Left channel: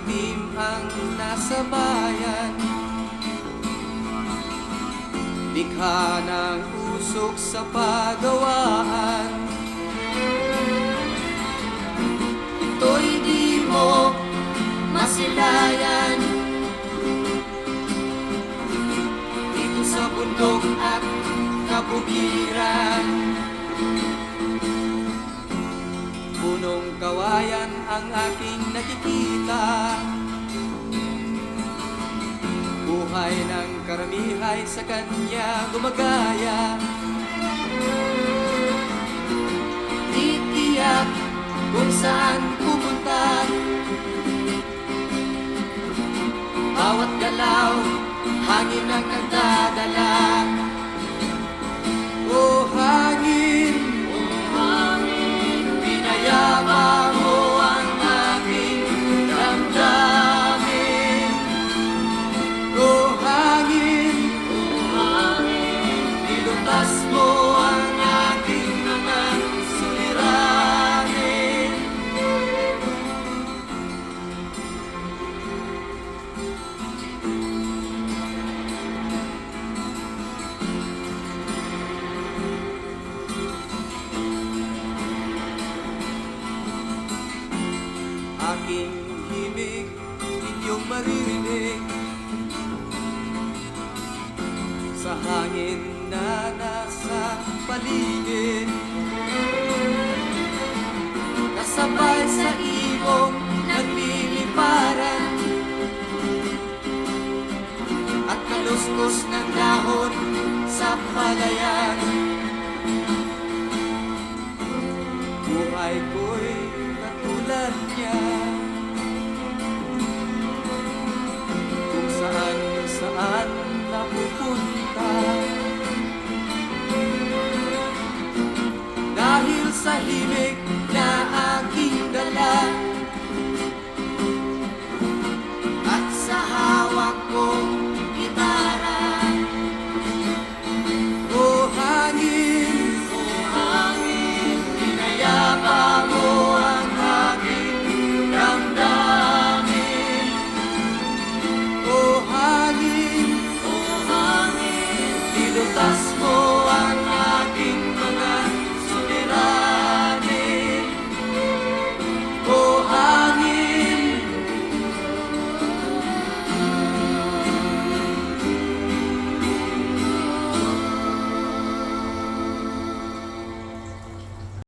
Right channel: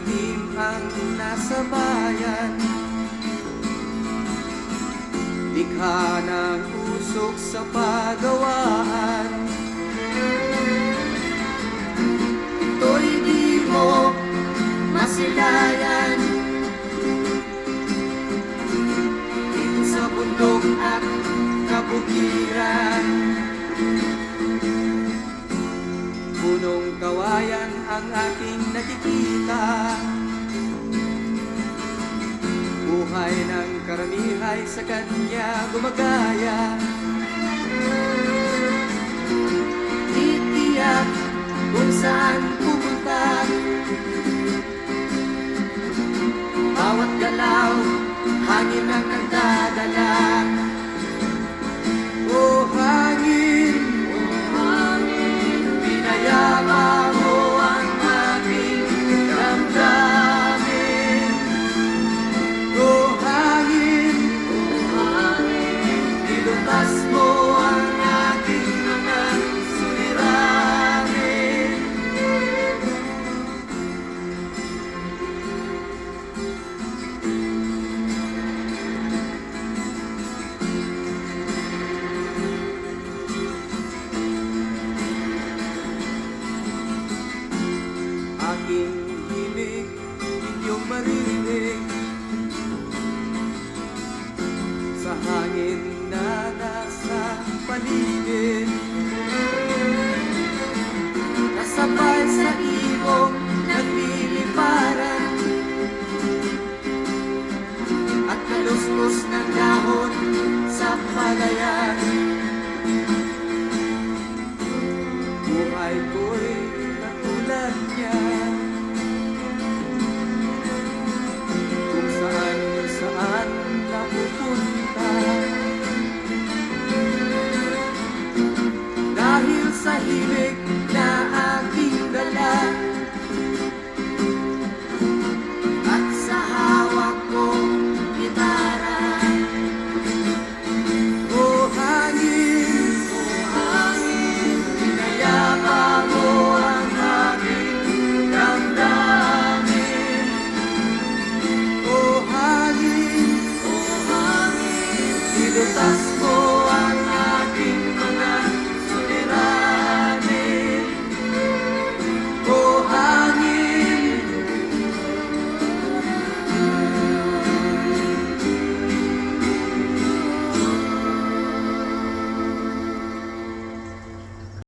itim ang nasa bayan, likha ng usok sa pagawaan. Ito'y di mo masilayan, dito sa bundok at kabukiran. Punong kawayan ang aking nakikita, buhay ng karamihay sa kanya gumagaya. Titiyak kung saan pupunta, bawat galaw, hangin ang nagdadala. O hangin, pinayama mo ang aking damdamin. O hangin, nilutas mo ang aking mga suliranin. Aking himig, inyong maririnig sa hangin na nasa paligid. Kasabay sa ibong nagliliparan at kaluskos ng dahon sa palayan. Buhay ko'y katulad niya, kung saan napupunta. Dahil sa hirap